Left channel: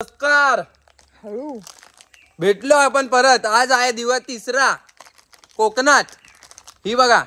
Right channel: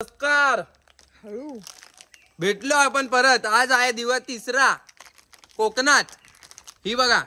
नमस्कार. भेटलो आपण परत. आज आहे दिवस तिसरा कोकणात. ही बघा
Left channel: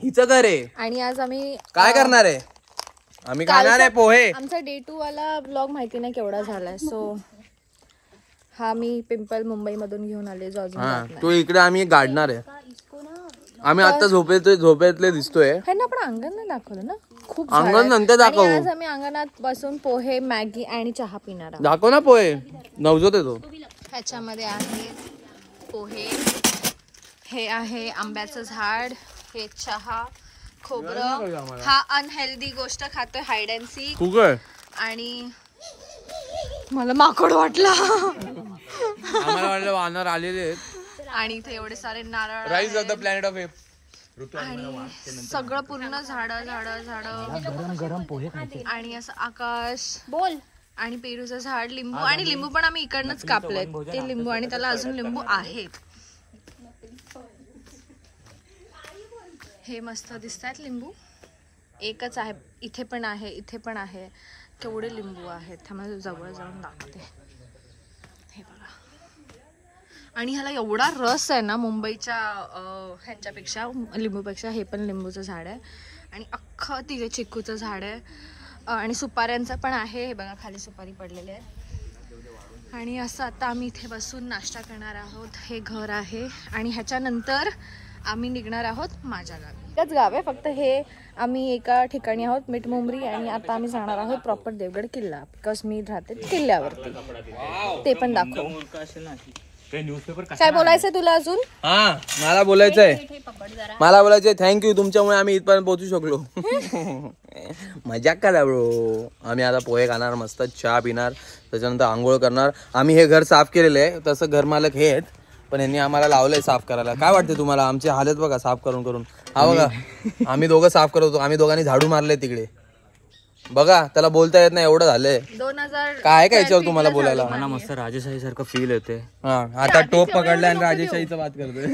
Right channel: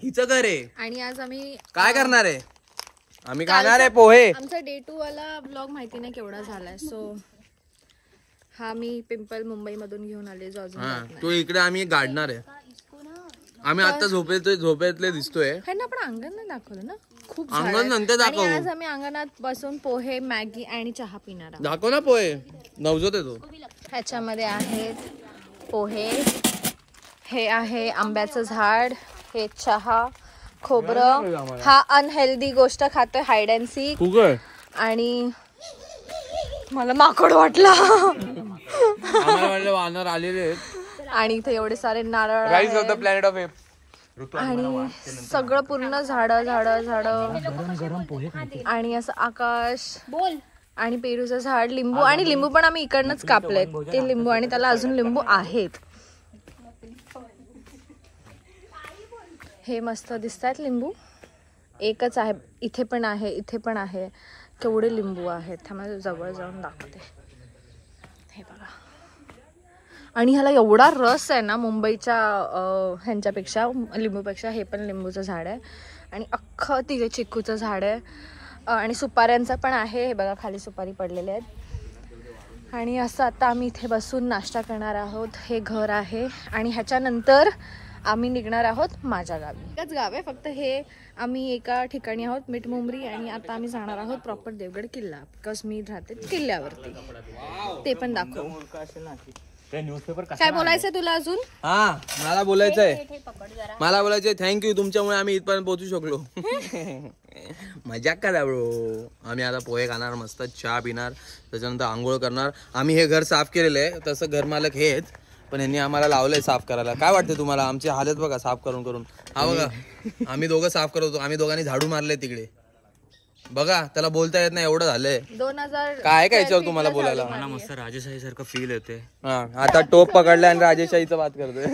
हिचं घर आहे आणि आज आम्ही काय करणार आहे. आम्ही खाणार आहे पोहे. आमचा डे 2 वाला ब्लॉग माहिती नाही केवढा झालाय. सो हा मी पिंपल मुंबई मधून घेऊन आले जो अजून जात नाही. तो इकडे आम्ही गाडणार आहे. आम्ही आता झोपेतले दिसतोय. ह्यांना आपण अंगण नाही दाखवलं ना. खूप अंगण नंतर दाखवू. आज आम्ही अंगणात बसून पोहे मॅगी आणि चहा पिणार आहोत. दाखव ना पोहे. नवजोत येतो. ह्याच्यामध्ये आहेत पोहे, हे आहे आंब्याचं झाड, हे चहा, खोबरं. हा अनहेल्दी गोष्ट खातोय हाईड अँड सीक. आणि मला माकड वाटला. आम्हाला वाटलं वानर आलेले आहेत. आणि इथे एवढे सारे नारळ प्लॅनेट ऑफ आणि सगळं पूर्ण झाड आणि असं आकाश बोल आणि पेरूचं झाड, लिंबू. आणि लिंबू पण आम्ही इकडनंच कापलेत ते लिंबू. आणि त्याला अजून लिंबू आहेत. हे मस्त दिसतात लिंबू. एकच आहे. इथे पण आहे, इथे पण आहे. केवढे लिंबू आहेत. थांबा जवळ जाऊन दाखवते. हे बघा. आणि ह्याला एवढा रस आहे ना मुंबईच्या ह्यांच्यापेक्षा, लिंबूपेक्षा. हे पण लिंबूचं झाड आहे. आणि अख्खं तिथे चिक्कूचं झाड आहे. आणि सुपाऱ्यांचं पण आहे. हे बघा खाली सुपारी पडलेले आहेत. आणि असं आता आम्ही इथे बसून नाश्ता करणार आहोत. हे घर आहे. आणि ह्याच्यानंतर आम्ही निघणार आहोत माझ्या गावी. एकच गाव आहे फक्त. हे आम्ही एका ठिकाणी आहोत मिठमुंबरी. आणि आता आम्ही जाणार आहोत प्रॉपर देवगड किल्ला. बिकॉज मी राहते किल्ल्यावरती. ते पण दाखवू. काय बोलायचंय तुला अजून. मला बोलायचंय थँक्यू. तुमच्यामुळे आम्ही इथपर्यंत पोहोचू शकलो. मजाक करा ब्रो. आम्ही आता पोहे खाणार, मस्त चहा पिणार, त्याच्यानंतर आंघोळ करणार. आम्ही हे घर साफ केलेलं आहे. तसं घर मालक हे आहेत, पण यांनी आम्हाला लावलंय साफ करायला. काय वाटतं तुम्हाला आमची हालत बघा साफ करून करून. हा बघा आम्ही दोघं साफ करत होतो. आम्ही दोघांनी झाडू मारले तिकडे. बघा त्याला बोलता येत नाही एवढं झालंय. 2000 काय याच्यावर तुम्हाला बोलायला. मला मस्त राजेशाही सारखं फील होते. आता टोप पकडलाय आणि राजेशाहीचं बात करतोय.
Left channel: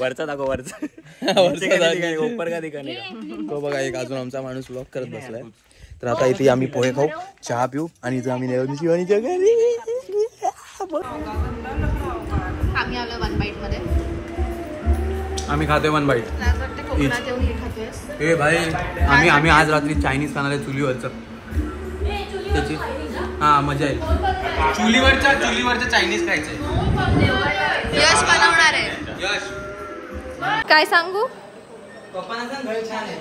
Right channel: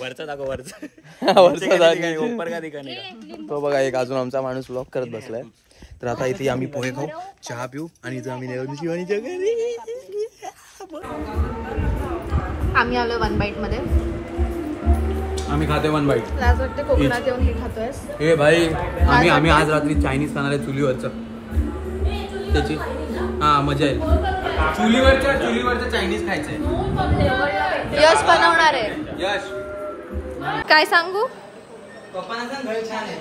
वरचा दाखव. वरचा तो बघा एक अजून आमचा माणूस व्लॉग करत बसलाय. तर आता इथे आम्ही पोहे खाऊ, चहा पिऊ आणि इथं आम्ही शिवानीच्या घरी. आम्ही आलो 1 बाईट मध्ये. आम्ही खातोय 1 बाईट. कोकणात येऊन हे खातोय. हे भाई आम्ही आज रात्री चायनीज खाणार आहे चुलीवरचं. त्याची मजा येईल. चुलीवरचं चायनीज खायचंय. यश बनवणार आहे. यश काय सांगू. पप्पांना घर छान आहे.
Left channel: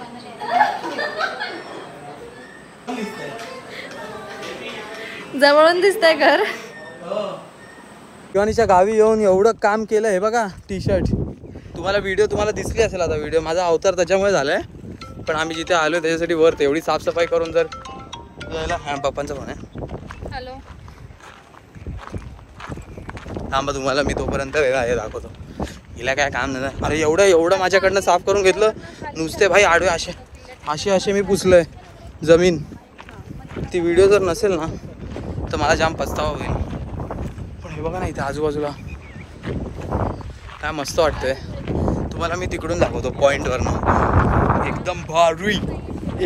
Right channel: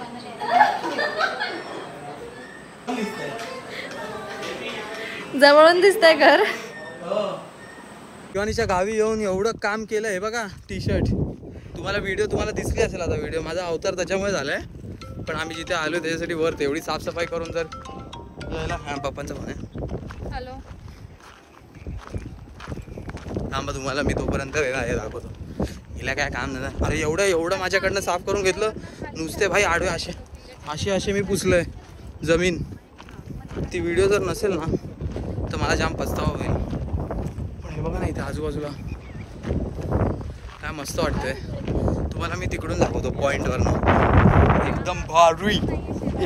जवळून दिसतंय घर. शिवानीच्या गावी येऊन एवढं काम केलं. हे बघा टी शर्ट. तुम्हाला दिसली असेल आता व्हिडिओ. माझा अवतार त्याच्यामुळे झालाय. पण आम्ही जिथे आलोय त्याच्यासाठी वर एवढी साफसफाई करून जर जायला. पप्पांचा फोन आहे. हॅलो. थांबा तुम्हाला मी तोपर्यंत वेगळा हे दाखवतो. हिला काय काम नाही. अरे एवढं माझ्याकडनं साफ करून घेतलं. नुसते भाई आडवे असे मी पुसलंय जमीन. ती व्हिडिओ जर नसेल ना तर मला जाम पस्तावा होईल. पण हे बघा ना इथे आजूबाजूला काय मस्त वाटतंय. तुम्हाला मी तिकडून दाखवतो पॉइंटवरनं. एकदम भारी,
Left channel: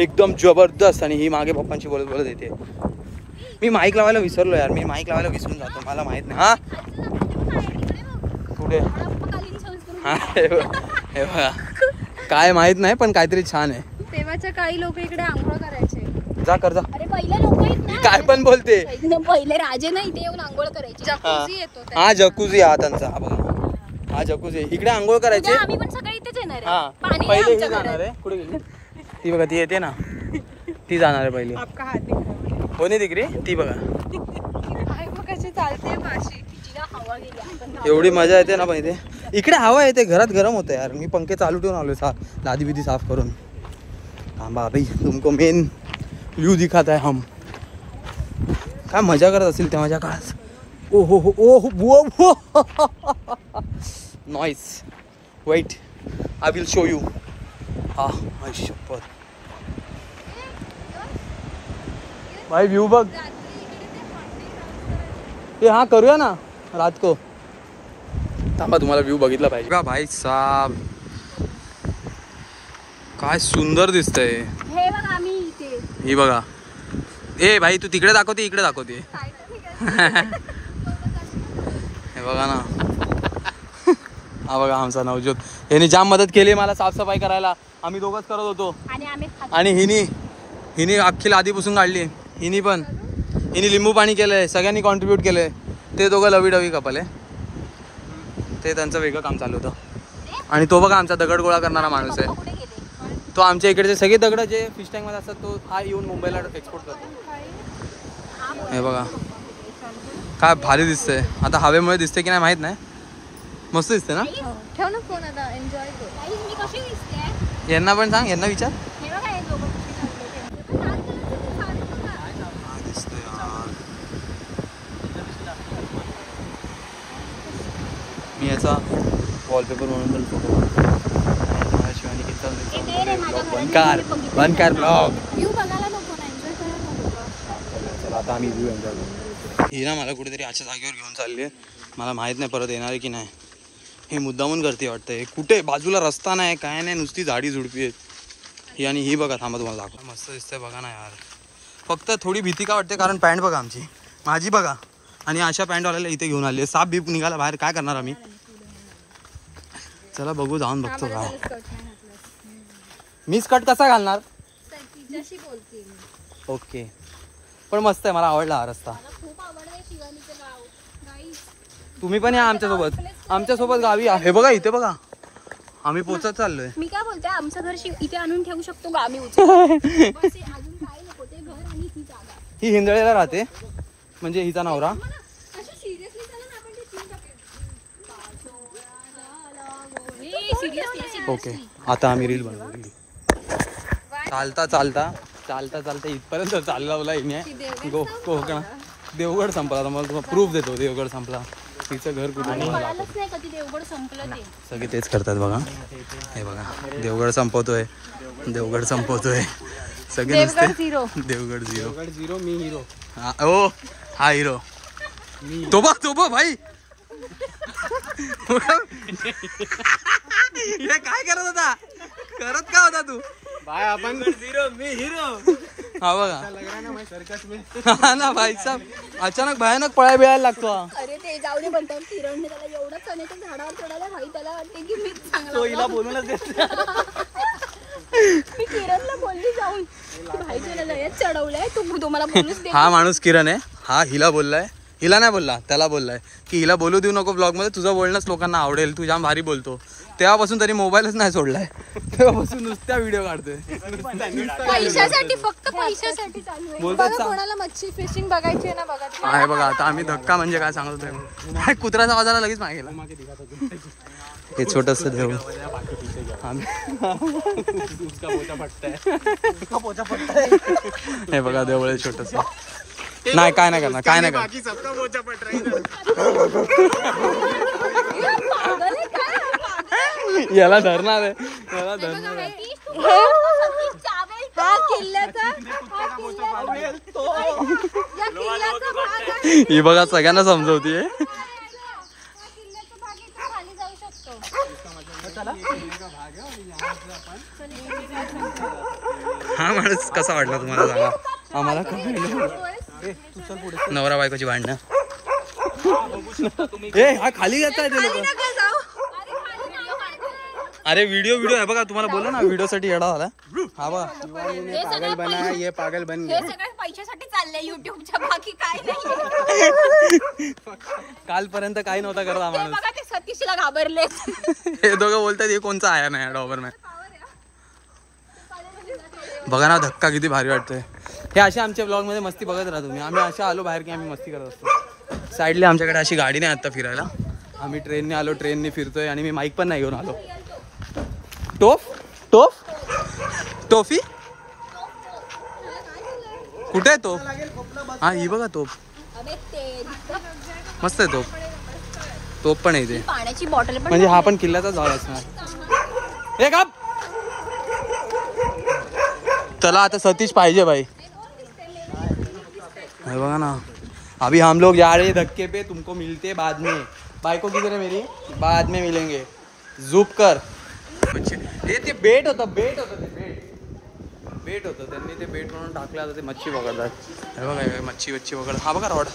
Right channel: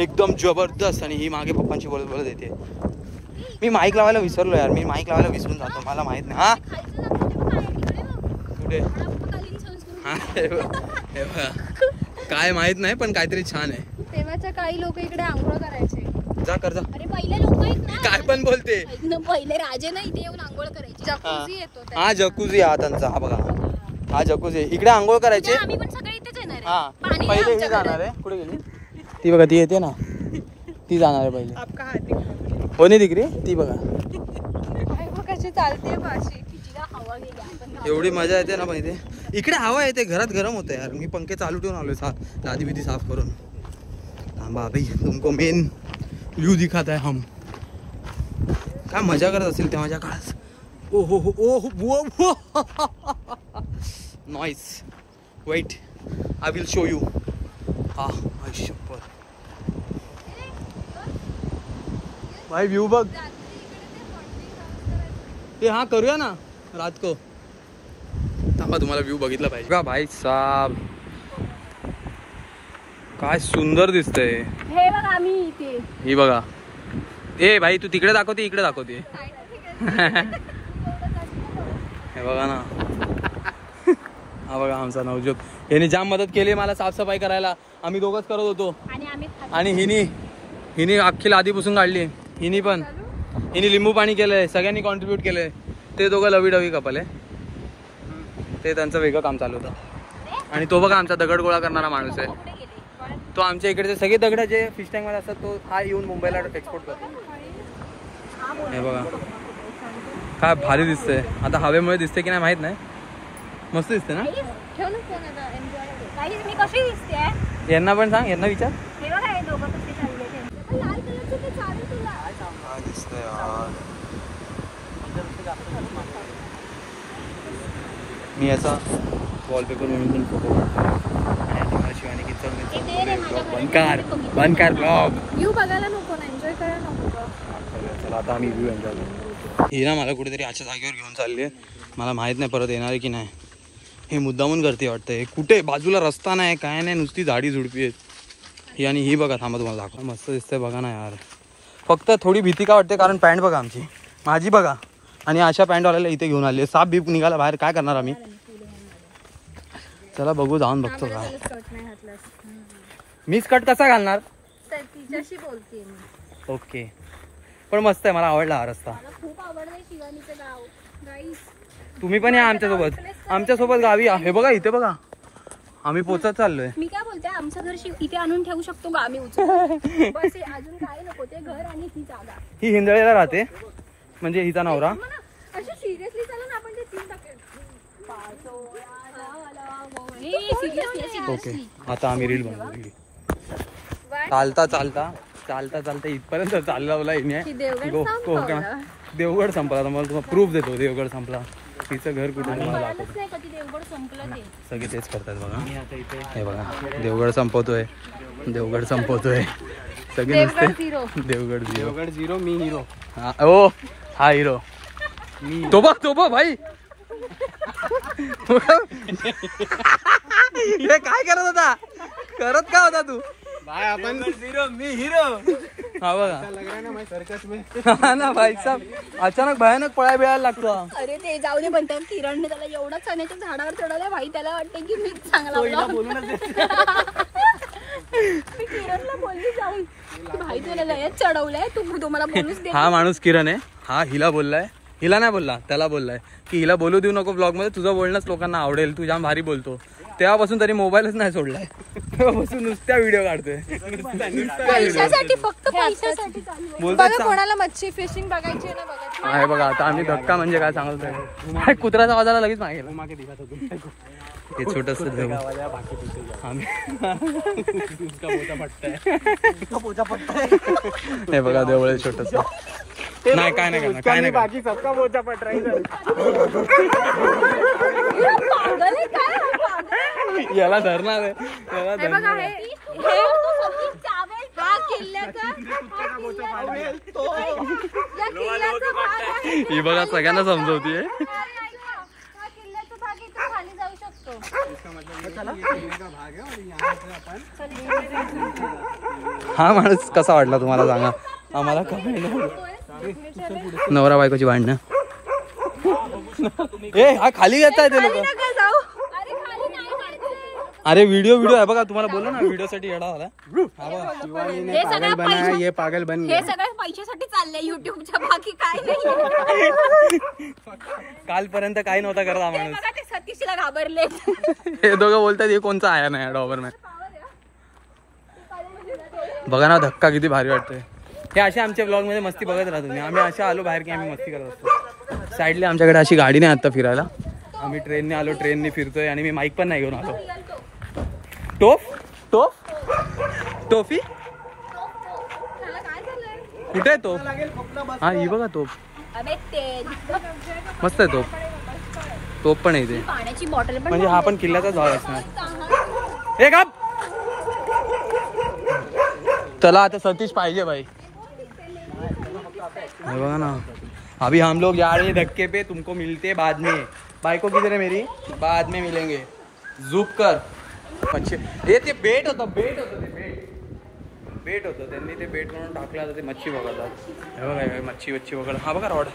एकदम जबरदस्त. आणि ही मागे पप्पांशी बोलत येते. मी माईक लावायला विसरलो यार. मी माईक लावायला विसरून जातो. मला माहित नाही. कुठे हे बघा काय माहित नाही पण काहीतरी छान आहे. तेव्हाच्या काही लोक इकडे आंघोळ करायचे. जा कर जा. अरे पहिले लोक काय पण बोलते. पहिले राजे ना इथे येऊन आंघोळ करायचे. जकुझी येतो. हा जकुझी. हा त्यांचा हा बघा हा जकुझी. इकडे आंघोळ करायचे. आम्ही पण सगळे इथेच येणार आहे. हा पहिले ही जाणार आहे. कुठे गेली ती बघा. ती येते ना ती जाणार आहे पहिली. कोणी तिकडे ती बघा. कशी चालते भाषी. एवढी मजा येते ना. पण इकडे हवा येते. घरात गरम होतं यार. मी पंखे चालू ठेवून आलोय लादी बिदी साफ करून. थांबा भाई तुमको मेन व्यू दिखाता है हम. काय मजा करत असतील त्या माझ्या काळात. ओहो noise. Weight I will show you. शपथ भाई व्यू बघ. हाँ करूया ना रात को. थांबा तुम्हाला व्यू बघितला पाहिजे का भाई साहब. काय सुंदर दिसतंय. हे बघा आम्ही इथे. ही बघा ए भाई तू तिकडे दाखवते इकडे दाखवते हे बघा ना हा बघा आमचा नवज्योत यांनी जाम मदत केली मला साफसफाई करायला. आम्ही दोघंच करत होतो आणि हिनी अख्खी लादी पुसून काढली. हिनी लिंबू पाणी केलंय. सगळ्यांनी कॉन्ट्रीब्यूट केलंय. ते दोघं लवी डवी कपल आहे. ते त्यांचं वेगळं काम चालू होतं. आणि तो बघा आमचा दगड गोळा करणारा माणूस आहे. तो आमच्या इकडचे सगळे दगड जे फिश टँक मध्ये असतात तो हा येऊन मुंबईला एक्सपोर्ट करतो. हे बघा काय भारी दिसतंय. आता हवेमुळे दिसते की नाही माहित नाही. मस्त दिसते ना. ठेव ना फोन आता एन्जॉय कर. काही मी कशी दिसते यांना पण सांग. यांना विचार हे बघा हे दोघं कसे चालले ते. पण लाल कलरचं ते चालू तुला. काय दिसतंय यार. मी याचा वॉलपेपर म्हणून फोटो बनकार ब्लॉग. व्ह्यू बघायला नको ना एन्जॉय करायला नको. चला आता आम्ही व्ह्यू एन्जॉय करू. ही ना मला कुठेतरी अशा जागेवर घेऊन चालली आहे. मला माहित नाही परत येणार आहे की नाही. हे मुद्दामून करते वाटतं. हे कुठे बाजूला रस्ता नाही काय नाही नुसती झाडी झुडपी आहेत ही. आणि ही बघा थांबा तुम्हाला दाखवा. मस्त दिसतंय बघा ना यार. फक्त थोडी भीती का वाटते कारण पॅन्ट बघा आमची माझी बघा आणि अशा पॅन्टवाल्याला इथे घेऊन आली. साप बीप निघाला बाहेर काय करणार आम्ही. चला बघू जाऊन बघतो काय. मी स्कर्ट कसा घालणार तिच्याशी बोलते मी. ओके पण मस्त आहे. मला आवडला हा रस्ता. मला खूप आवडते शिवानीचं गाव. गाईस तुम्ही पण या आमच्यासोबत गावी या. हे बघा इथे बघा आम्ही पोचत चाललोय. मी काय बोलते आमचं घर इथे आणून ठेवू शकतो का आम्ही बस अजून काय नको ते घर आणि ती जागा. ही हिंदळेला राहते म्हणजे हिचा नवरा. अशी सिरियसली चला ना आपण ते सीन टाकेल. ओके आता आम्ही रील बनवू. चालता इथपर्यंत चालला देवगड संपला. मला तुम्हाला प्रूफ देतो देवगड संपला. तिचं घर कुठे तुम्हाला दाखवतो. सगळे तेच करतात बघा. हे बघा देवगड संपवतोय सगळे नुसते देवगड झिरो मी हिरो. हा हिरो तो बघ भाई हे काय करत होता. करत का होता तू भाई. आपण मी हिरो हा बघा हा ना भाई साहब. अचानक भयानक पळाय बिळायला लागतो. अरे ते जाऊ दे पण किरण त्याला एवढा चण्याच्या झाडावर चढवला भाई. त्याला वाटते की मी चांगला मी किरणला बोलली जाऊन की भाई तुला लयच चढवलंय तुम्हाला बोलूच दे. हा माणूस किरण आहे. हा हिला बोललाय. हिला नाही बोलला त्याला बोललाय की हिला बोलू देऊ नको ब्लॉग मध्ये. तुझं बोलणंच लोकांना आवडेल. तू जाम भारी बोलतो. तेव्हापासून तरी मोबाईलच नाही सोडलाय. तेव्हापासून नुसत्या व्हिडिओ काढतोय. पैशासाठी फक्त पैशासाठी चालू आहे. बोलतात कोणाला मच्छी फिशिंग बघायची आहे ना बघा. आहे बघा आता आम्ही धक्का म्हणजे काय सांगतोय. कुत्र्याचा आवाजाला लगेच मागेल. हे छोटस देव हे बघा देवळ आहे छोटस. नाही काय नाही करणार काय नाही करणार. याला धरणार ही बघा सगळ्यांना समजवते. हा माणूस कसा वाटला तुम्हाला सांगा. आम्हाला काय नवरा बायकोची भांडणं. ए हा खाली घेताय ते लोक. अरे व्हिडिओ आहे बघा. तुम्हाला बोला ना व्हिडिओ साठी येडा झाला. हा बघा हे सगळं पैशासाठी चाललंय युट्यूबच्या. बाकी काय नाही. कालपर्यंत काही नव्हता करत हा माणूस. बघा ते सतीशला घाबरले. हे दोघं बोलतात हे कोणचा आया नाही डॉबरमॅन. बघा ना धक्का किती भारी वाटतोय. हे असे आमच्या ब्लॉग मध्ये मस्ती बघत राहा तुम्ही. आम्ही अशा आलो बाहेर की आम्ही मस्ती करत असतो. साईडली आमच्याकडे अशी गाडी नाही आता फिरायला. आम्ही ट्रेनने आलो. ट्रेनने फिरतोय आणि मी माईक पण नाही घेऊन आलो. टोफी कुठे आहे तोफ. हा ही बघा तोफ मस्त आहे. तोफ पण आहे इथे. पाण्याची बॉटल म्हणजे हा पण किल्ल्याचा झाड असणार. हे का त्याला आता सतीश पाहिजे भाई. बघा ना अभी हम लोग जा रहे हैं धक्के पे. तुमको मिलते बाद में. बायको किधर है मेरी. बाद में मिलेंगे. झूप कर. अच्छे हे ते बेट होतं ते बेट. बेट होतं, त्यांनी ते बेट म्हणून टाकलं. आता ते मच्छी पकडतात. हे बघा काय मच्छी पकडतात. हा बघा रॉड,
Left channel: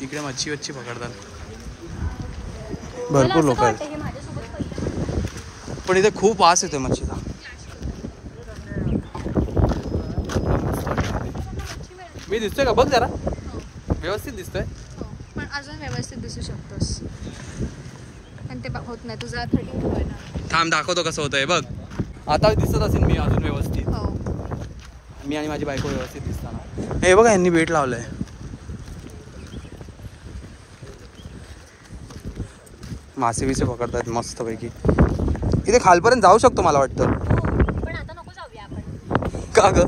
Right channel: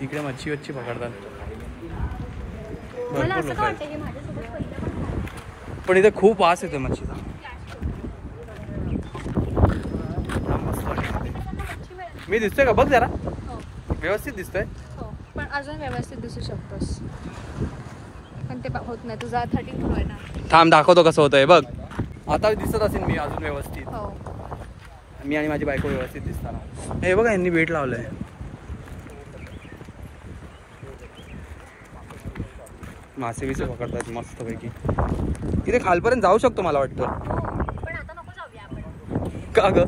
इकडे मच्छी पकडतात. भरपूर लोक आहेत, पण इथे खूप वास येते मच्छीचा. मी दिसतोय का बघ जरा, व्यवस्थित दिसतोय. पण अजून व्यवस्थित दिसू शकतोस, पण ते होत नाही. तुझा 32 आहे ना. थांब दाखवतो कसं होतंय बघ. आता दिसत असेल मी अजून व्यवस्थित. हो, मी आणि माझी बायको व्यवस्थित दिसताना. हे बघा यांनी बेट लावलंय. मासे बिसे पकडतात मस्त पैकी. इथे खालपर्यंत जाऊ शकतो मला वाटतं. पण आता नको जाऊया आपण. का ग,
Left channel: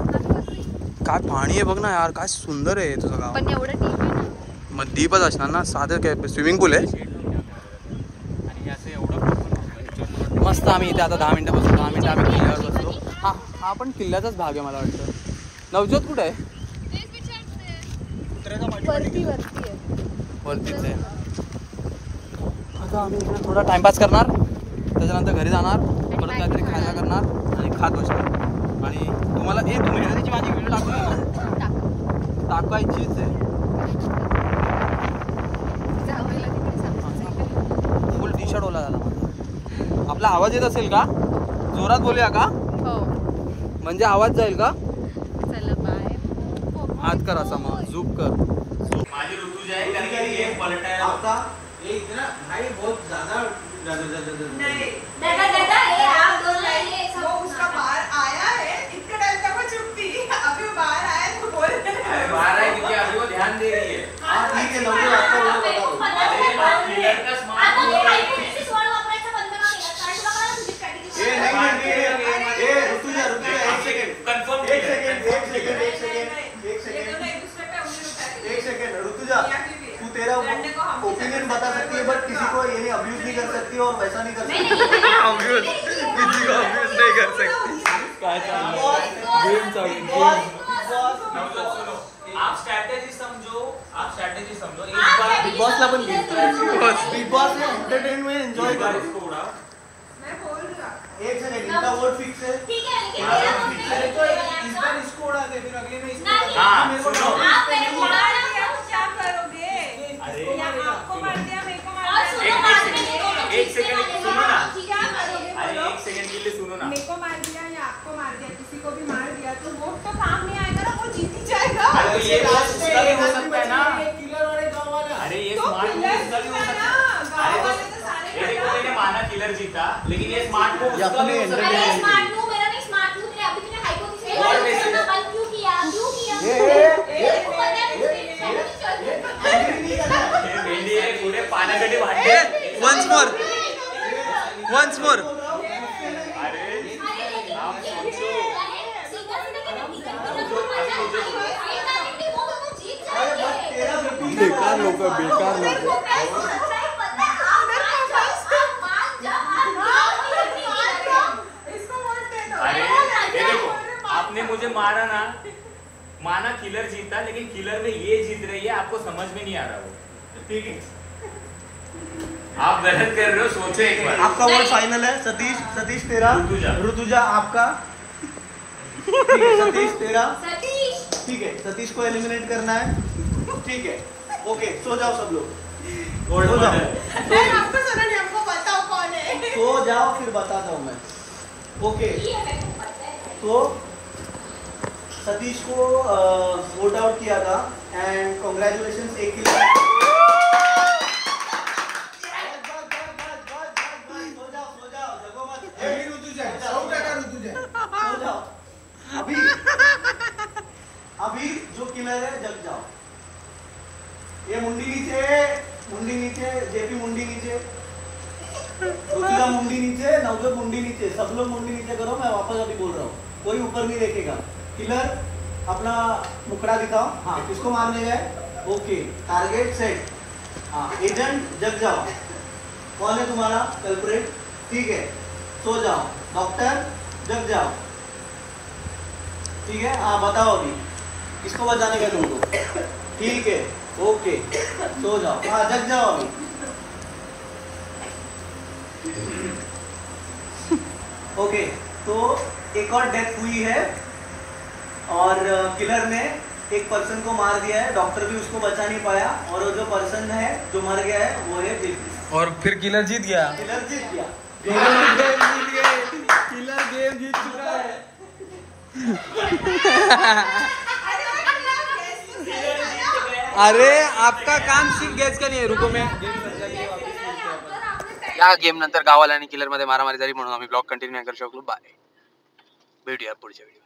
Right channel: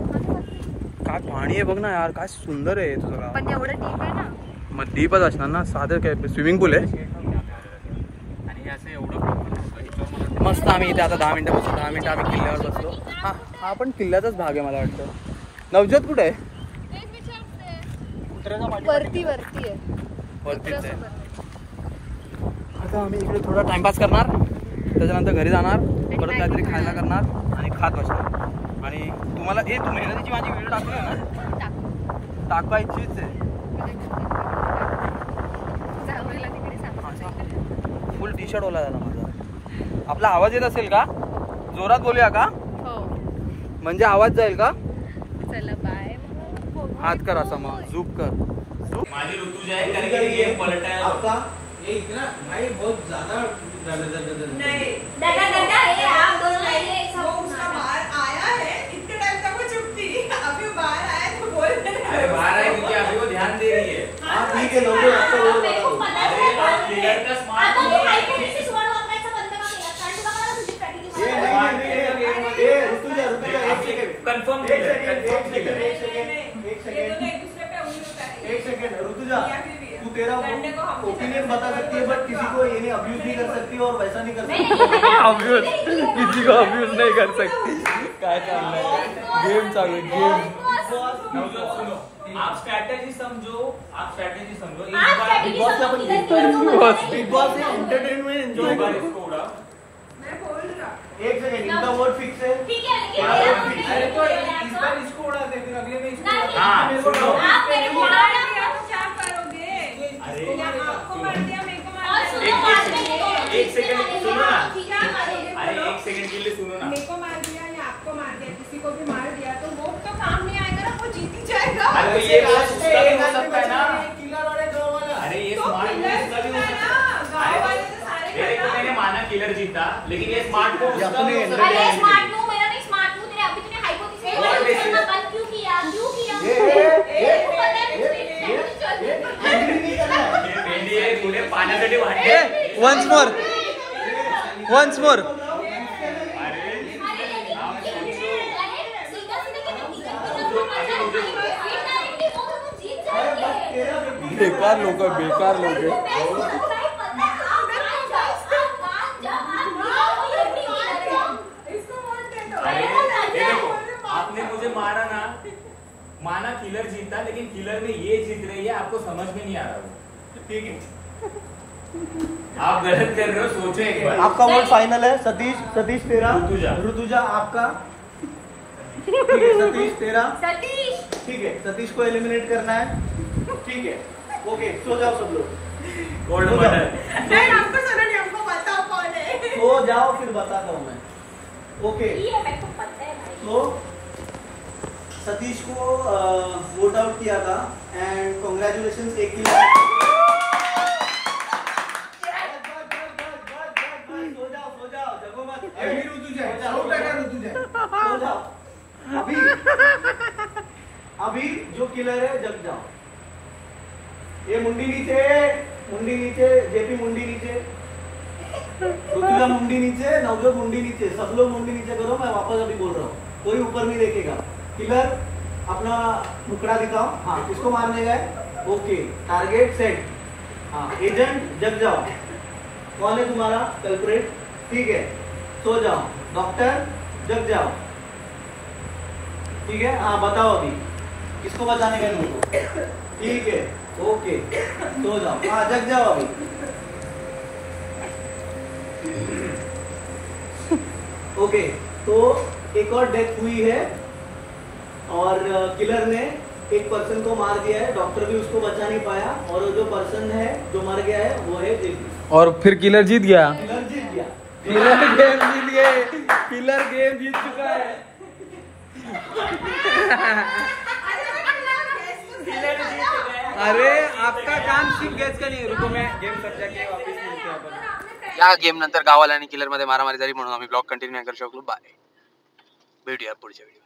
काय पाणी आहे बघ ना यार, काय सुंदर आहे तुझं गाव. पण एवढं डीप आहे ना. मग डीपच असणार ना, साधं काय स्विमिंग पूल आहे. मस्त. आम्ही इथे आता 10 मिनिटं बसतो. 10 मिनिटं आम्ही किल्ल्यावर बसतो. हा पण किल्ल्याचाच भाग आहे मला वाटतं. नवज्योत कुठे आहे? वरतीच आहे. आता आम्ही इकडे थोडा टाइमपास करणार, त्याच्यानंतर घरी जाणार, परत काहीतरी खायला करणार आणि खात बसणार. आणि तुम्हाला तू मेहनतीची माझी व्हिडिओ टाकली आहे ना, टाकायचीच आहे. फुल टी शर्ट ओला झाला माझा. आपला आवाज येत असेल का? जोरात बोलूया का? हो, म्हणजे आवाज जाईल का? चला बाय. हात कर असा, मग झूप कर. माझी ऋतुजा आहे कारण की गेम पलटायला होता. एक ना भाई बहुत ज्यादा दादा ये आप दोनों ये सब उसका बाहर आया है, इतने टाइम तक वो चुप थी, अभी वो बाहर आया तो बोल रहे हैं। अरे बाहर आई क्योंकि अभी वो ध्यान दे रही है. हाँ ठीक है, लोगों आपको वो मेरे को बता पता है क्लियर का स्मार्ट आता मी हायपोथेसिस वर वापरायचा बंद का केला कारण तुला कळलं तुझी स्ट्रॅटेजी ए ऋतुजा एक सेकंड कंफर्म एक सेकंड ऋतुजा, तू तेरा ओपिनियन बता सकती है, बट किसी को ये नहीं अब्यूज नहीं कर सकती और वैसा नहीं कर सकती. अब्यूज किसी को अब्यूज नहीं कर सकती. काय चाललंय? गेम चालू आहे, गेम. सुनो, आप स्ट्रैटेजी समझो. एक आप बार स्ट्रैटेजी Boss ला पण समझो. बिग बॉस में एंटरटेनमेंट एंजॉय एक बार करो. इसको उड़ाओ. एक सेकंड, इनका वर्ड फिक्स है. ठीक है लेकिन मेरा अरे तो इस बार इसको उड़ा दे, फिर अगले में इसको हाँ, सुनो. आप मेरे को उड़ा रहे हो क्या करोगे? अरे आपको मार दिया, मेरे को मार और सुनो बाद में ये दोनों एक सेकंड सुनो ना. ठीक है अरे एक सेकंड के लिए सुनो ना. मेरे को मार दिया या आपको मार दिया, किसी को भी मार दिया तो वो तो काम नहीं आएगा ना, वो जीत ही जाएगा. अरे तो ये बात उसका भी हो सकता है ना. किलर वाले गाँव वाला. अरे ये तो स्मार्ट किलर उसका भी हो सकता है. गाँव वाले तो सारे ये देखो मैंने माना किलर जीता, लेकिन ये स्मार्ट को उसका भी हो सकता अरे है. स्मार्ट हूँ मेरा नहीं स्मार्ट हूँ तेरे अभी तूने हाइपोथेसिस करना बंद क्यों किया मेरे को पता है मुझे भेंडी आहे पुढे पाण्यासाठी वाटते. Once more. बेकार लोक. अरे ये देखो, आपने मुझे मारा ना, माना किलर जीता, लेकिन किलर में ये जीत रही है, आपको समझ में नहीं आ रहा वो. ठीक है, आप गलत कर रहे हो, सोचे एक बार. आपका वोट फाइनल है. सतीश तेरा. ऋतुजा आपका. ठीक है, सतीश तेरा. सतीश ठीक है, सतीश को एलिमिनेट करना है. ठीक है, ओके, सो जाओ सब लोग. गोल्ड हो जाओ. मेडल. हमको सुना नहीं, हमको बताओ कौन है. सो जाओ, फिर बताता हूँ मैं. ओके, ये मेरे को पता है तो सतीश को वोट आउट किया था एंड कॉन्ग्रेचुलेशन. एक ही अभी जो किलर है जग जाओ. ये मुंडी नीचे, जेपी मुंडी नीचे, ऋतुजा मुंडी नीचे, नवजोत मुंडी नीचे. सब लोग मुंडी नीचे करो. मैं वापस अभी बोल रहा हूँ, कोई ऊपर नहीं देखेगा. किलर अपना मुकड़ा दिखाओ. हाँ, किसको मारने गए? Okay, target set. हाँ, एजेंट जग जाओ. कौन है तुम्हारा कल्प्रेट? ठीक है, सो जाओ. डॉक्टर जग जाओ. ठीक है, हाँ बताओ अभी किसको बचाने का तुमको. ठीक है, ओके, सो जाओ. हाँ, जग जाओ अभी. ओके, तो एक और डेथ हुई है और किलर ने एक पर्सन को मार दिया है, डॉक्टर भी उसको बचा नहीं पाया, और जो पर्सन है जो मर गया है वो है जेपी। और फिर किलर जीत गया। किलर जीत गया। किलर गेम जीत गए, किलर गेम जीत चुका है। अरे आपका काम सिर्फ गैस का नहीं है। रुको मैं गेम समझा के वापस मिलते हैं आपण। या गेम नंतर गावाला आणि किलर मध्ये मारामारी झाली म्हणून आम्ही ब्लॉग कंटिन्यू नाही करू शकलो। बाय, भेटूया पुढच्या व्हिडिओ।